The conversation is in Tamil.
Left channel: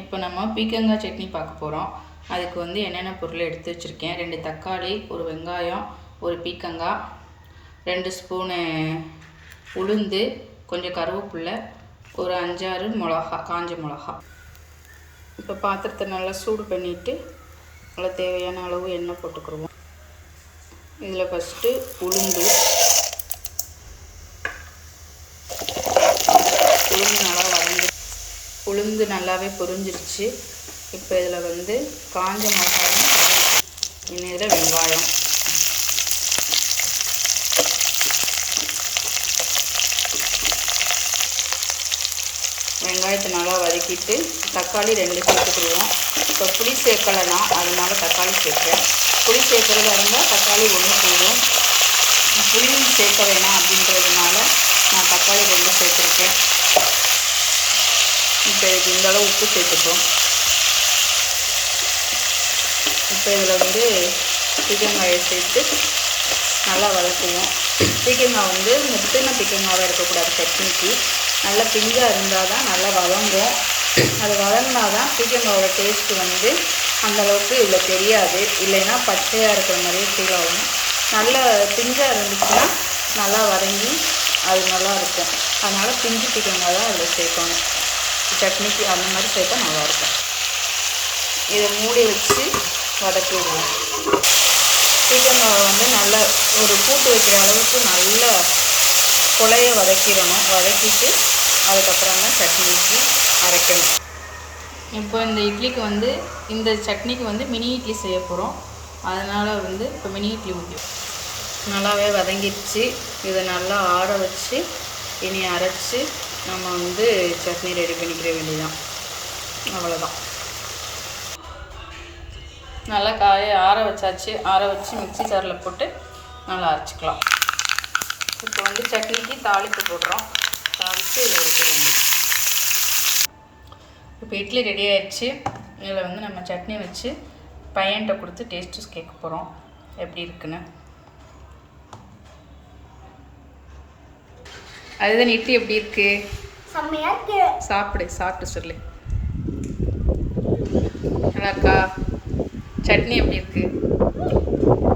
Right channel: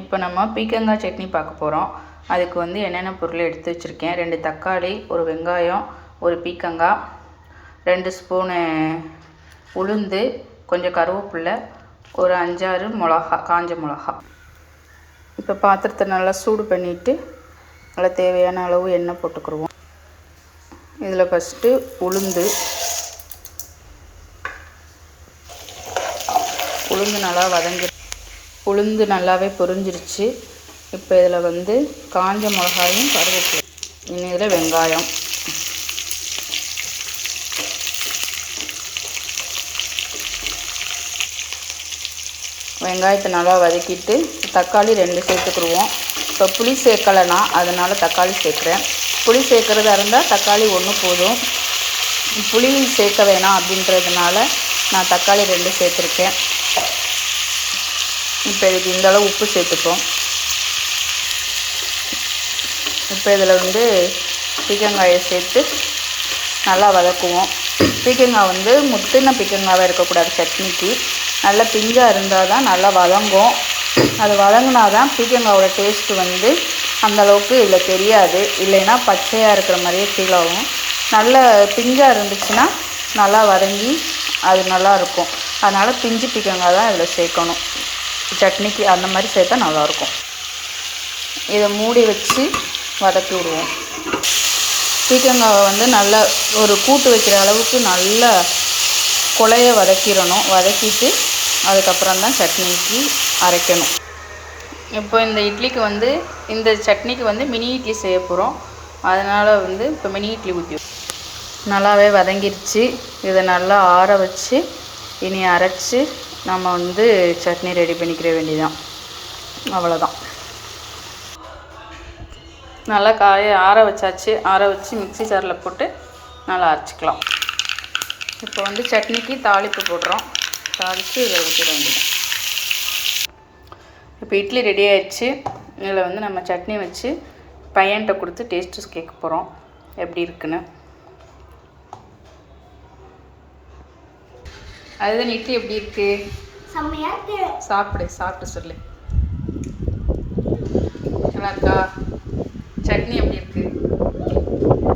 இப்போ நம்ம பீக்கங்காய் சட்னி பார்க்க போகிறோம் அதுக்கு வந்து என்னென்ன பொருள் எடுத்து வச்சுருக்கேன்? ரெண்டு தக்காளி ஒரு வெங்காயம் ஒரு பீக்கங்காய் ரெண்டு ஸ்பூனு உளுந்து கொஞ்சம் கருவேப்பில்லை ஒரு அஞ்சாறு மிளகா காஞ்ச மிளகா. இப்போ பாத்திரத்தை நல்லா சூடு பண்ணிவிட்டு நல்லா தேவையான அளவு எண்ணெய் போட்டுக்கிடுவோம் இதில் ஃபஸ்ட்டு உளுந்து. உளுந்து நல்லா வதங்கி உளுந்து நல்லாவே பொரிஞ்சிருச்சு. இப்போ இதில் வந்து காஞ்ச மிளகாயும் கருவேப்பிலை. இனி இதில் வெங்காயம். வெங்காயத்தை நல்லா வதக்கிட்டு தக்காளி ரெண்டு சேர்த்துக்குருவோம் இப்போ புளி சேர்க்கலைனா அதனால் தக்காளி சேர்க்குறேன். புளி சேர்க்குறதா இருந்தால் தக்காளி ஒன்று போதும். புளி சேர்க்க வேணாம் அப்படின்றதுனால நான் தக்காளி ரெண்டு சேர்த்துருக்கேன். இப்போ இதுக்கு இந்த அளவு உப்பு சேர்த்துப்போம். இப்போ இதில் வந்து பீக்கங்காயை சேர்த்து நல்லா வதக்குவோம். பீக்கங்காய் வந்து முத்தின பீக்கங்காவாக இருக்கக்கூடாது சட்னிக்கு. நல்லா பிஞ்சாக இருந்தால் தான் நல்லா வதங்கும். அது வதங்கினா தான் பீக்கங்காவோட டேஸ்ட்டு வந்து அந்தளவுக்கு இதில் தெரியாது. இல்லைன்னா பச்சையாக இருக்கிற மாதிரியே ஃபீல் ஆகும். நல்ல பிஞ்சாக இருந்துச்சுன்னா நல்லா வதங்கி அது நல்லாயிருக்கும் அதனால் பிஞ்சு பீக்கங்காய் தான் இதில் சேர்க்கணும். சட்னிக்கு அந்த மாதிரி சேர்த்தா நல்லாயிருக்கும். இதை மூடி வச்சு வதக்கிடுவோம் விடுவோம். பீக்கங்காவை வந்து நல்லா ஒரு கூட்டு வைக்கிற அளவுக்கு நல்லா குழைய வதக்கிடணும். வதக்கிட்டு அதுக்கப்புறம் தான் சட்னிக்கு அரைக்கணும். இப்போ இந்த இட்லிக்கு வந்து இந்த சட்னிக்கு வந்து மினி இட்லி செய்ய போகிறோம் அதனால் வந்து இப்போ மினி இட்லி ஊற்றி நல்லாவே வதங்கிடுச்சு. இதை நல்லா ஆற வச்சு இனி அரைச்சி நம்ம வந்து சட்னி ரெடி பண்ணிக்கிற வேண்டியதான் அவ்வளோதான் நல்லா காய ஆற வச்சாச்சு. ஆற வச்சு மிக்ஸி ஜாரில் போட்டு நல்லா அரைச்சிக்கலாம். இப்போ வந்து சட்னிக்கு தாளிப்பு போடுறோம். தாளித்து இதை வைக்க வேண்டியது இப்போ இட்லி ரெடி ஆயிடுச்சு இதில் வந்து நம்ம சட்னி வச்சு பையன்கிட்ட கொடுத்து டேஸ்ட்டு கேட்க போகிறோம் எப்படி இருக்குன்னு. அதுதான் இட்லி எப்படி இருக்கு? செம்மையா இருக்கு. சாப்பிடு சாப்பிட்டு சொல்லு. நல்லாக்கா சட்னி எப்படி இருக்கு?